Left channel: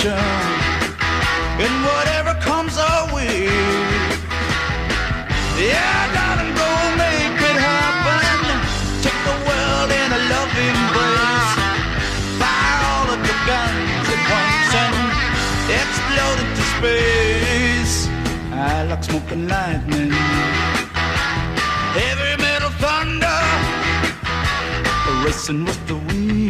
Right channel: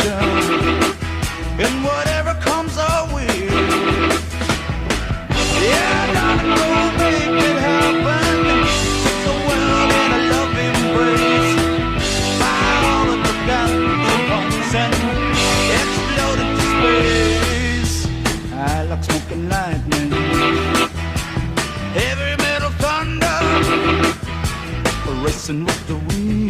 adventure and whatever comes our way. Yeah, darling, go make it happen. Take the world in a loving embrace. Fire all of the guns at once and explode into space. I like smoke and lightning, heavy metal thunder, racing with the wind.